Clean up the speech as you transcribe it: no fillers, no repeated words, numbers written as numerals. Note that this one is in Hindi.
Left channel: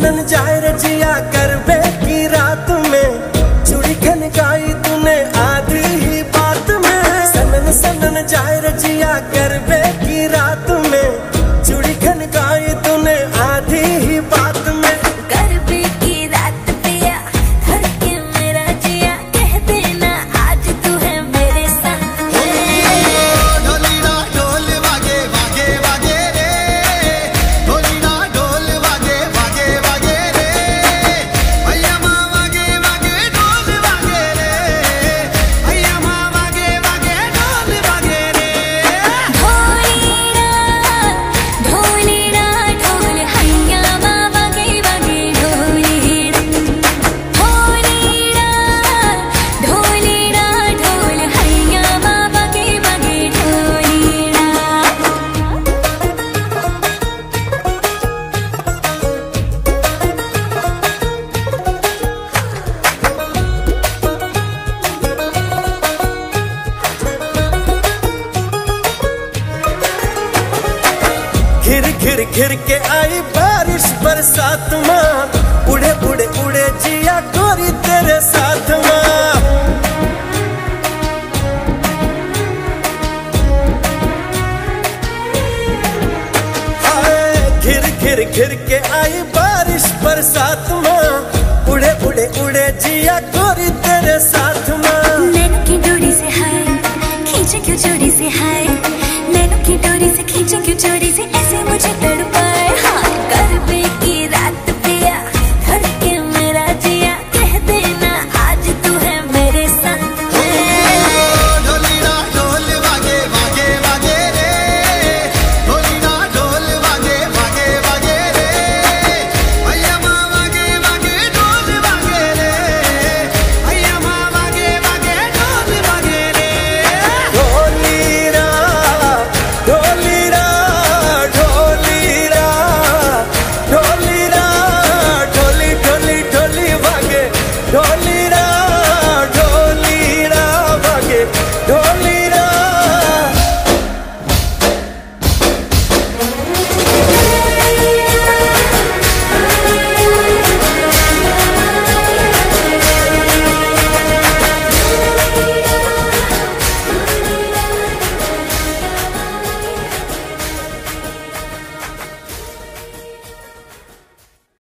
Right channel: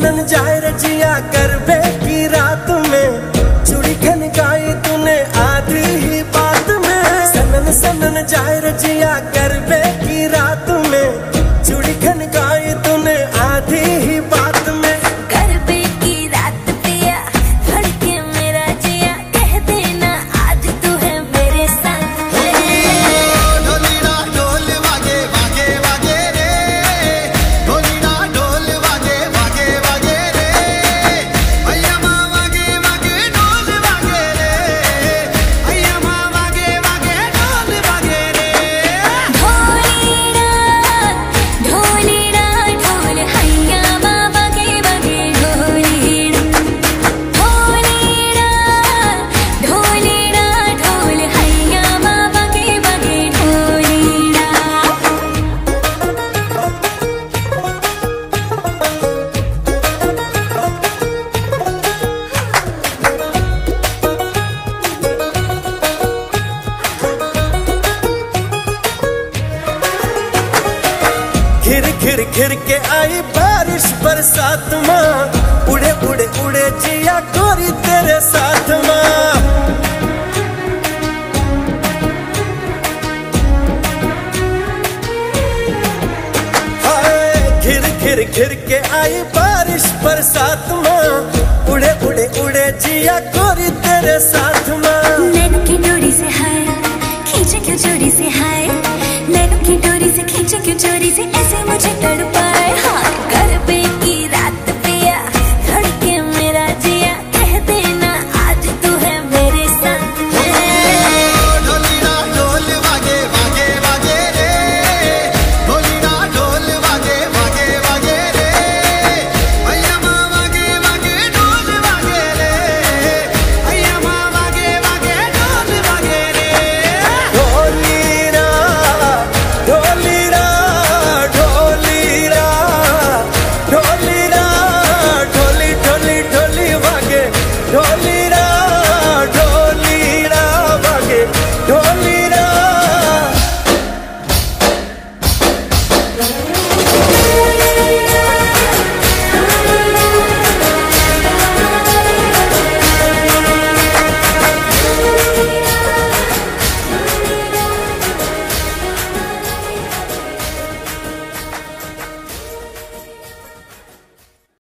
सनन जाए रजिया करबे की रात में, चूड़ी खनकाई तूने आधी ही बात में। सनन सनन जाए रजिया करबे की रात में, चूड़ी खनकाई तूने आधी ही बात में। करबे की रात पिया धड़के मेरा जिया, कह देना आज तू है मेरे संग। ढोलीरा ढोल वागे वागे वागे रे, ढोलीरा ढोल वागे वागे वागे रे, भैया माँ वागे वागे ढोल वागे रे, भैया माँ वागे वागे ढोल वागे रे। ढोलीरा ढोलीरा ढोल हैया माँ वागे वागे ढोलीरा, ढोलीरा ढोलीरा ढोल हैया माँ वागे वागे ढोलीरा। घिर घिर घिर के आई बारिश बरसात माँ, उड़े उड़े उड़े जिया गोरी तेरे साथ माँ। हाय घिर घिर घिर के आई बारिश बरसात माँ, उड़े उड़े उड़े जिया गोरी तेरे साथ माँ। नैनों की डोरी से हाय खींचे क्यों चोरी से हाय, नैनों की डोरी से खींचे क्यों चोरी से ऐसे मुझे तड़पाए। हाँ करबे की रात पिया धड़के मेरा जिया, कह देना आज तू है मेरे संग। ढोलीरा ढोल वागे वागे वागे रे, ढोलीरा ढोल वागे वागे वागे रे, भैया माँ वागे वागे ढोल वागे रे, भैया माँ वागे वागे ढोल वागे रे। ढोलीरा ढोलीरा ढोलीरा ढोलीरा ढोली ढोली ढोली वागे, ढोलीरा ढोलीरा वागे ढोलीरा।